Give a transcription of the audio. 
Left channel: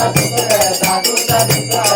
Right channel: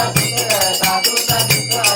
打十六，三十六，